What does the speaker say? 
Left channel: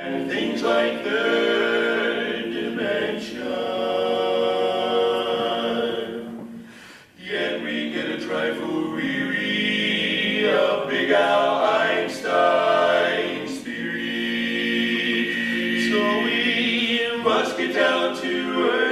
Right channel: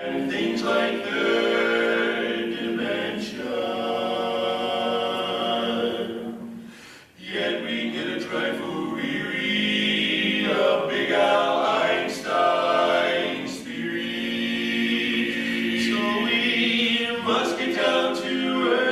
And things like third dimension. Yet we get a trifle weary of Big Al Einstein's theory. So we must get down to earth.